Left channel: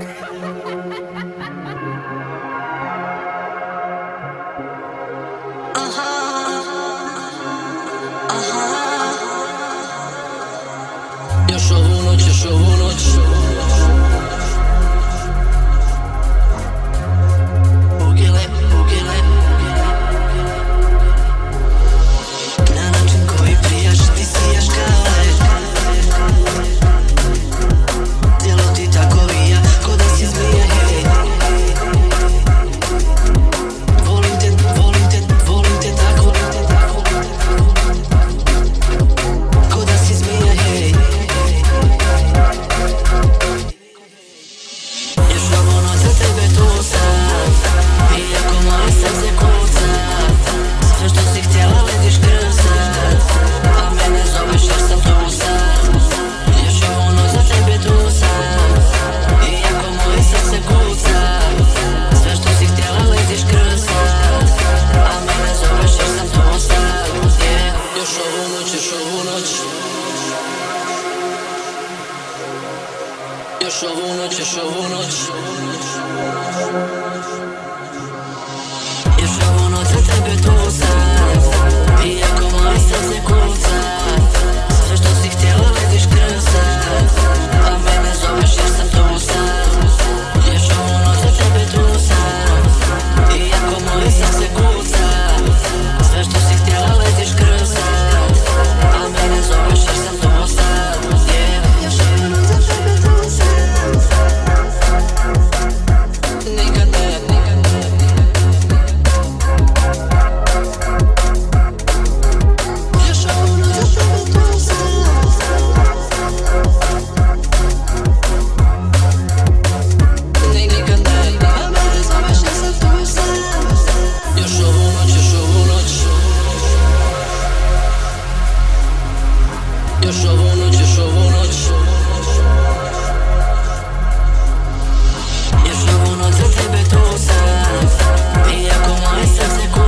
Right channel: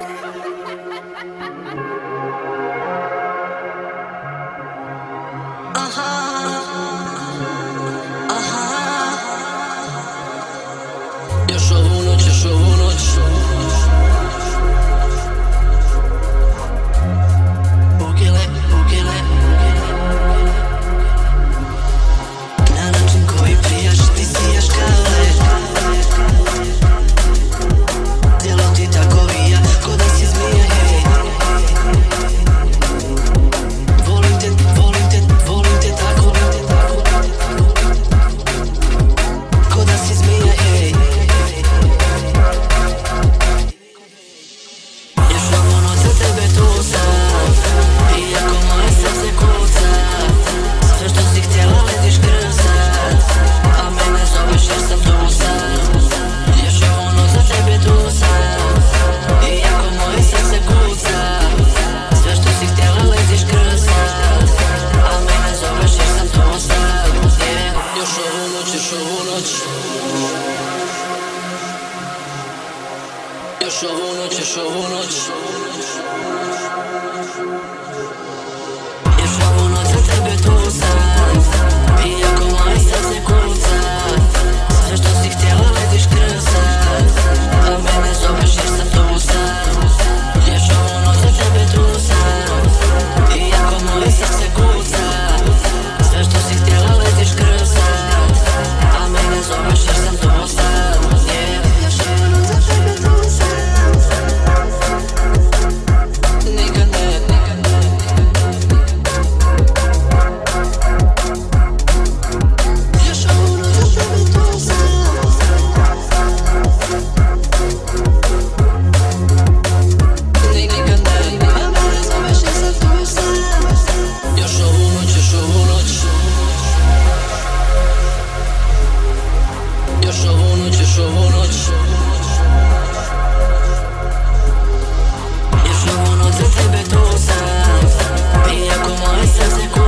Još ovu noć, još ovu noć Ugile, ugile Na način koji prijaš, ti sijaš kao led Tijelo ti tako vija, ko da si zmija, hej Volim te, volim te, volim te tako Ko da si zmija, hej Još ovu noć za tebe tu sam Iako moje srce kuca Sve što si htjela letiš krsat A mene zoveš jer sam tu sam Još ovu noć za tebe tu sam Iako moje srce kuca Sve što si htjela letiš krsat A mene zoveš jer sam tu sam Još ovu noć, još ovu noć Još ovu noć, još ovu noć Još ovu noć za tebe tu sam Iako moje srce kuca Sve što si htjela letiš krsat A mene zoveš jer sam tu sam Još ovu noć za tebe tu sam Iako moje srce kuca Sve što si htjela letiš krsat A mene zoveš jer sam tu sam Još ovu noć za tebe tu sam Nikad ne, nikad ne Još ovu noć za tebe tu sam Nikad ne, a mene zoveš jer sam tu sam Još ovu noć, još ovu noć Još ovu noć, još ovu noć Još ovu noć za tebe tu sam Iako moje srce kuca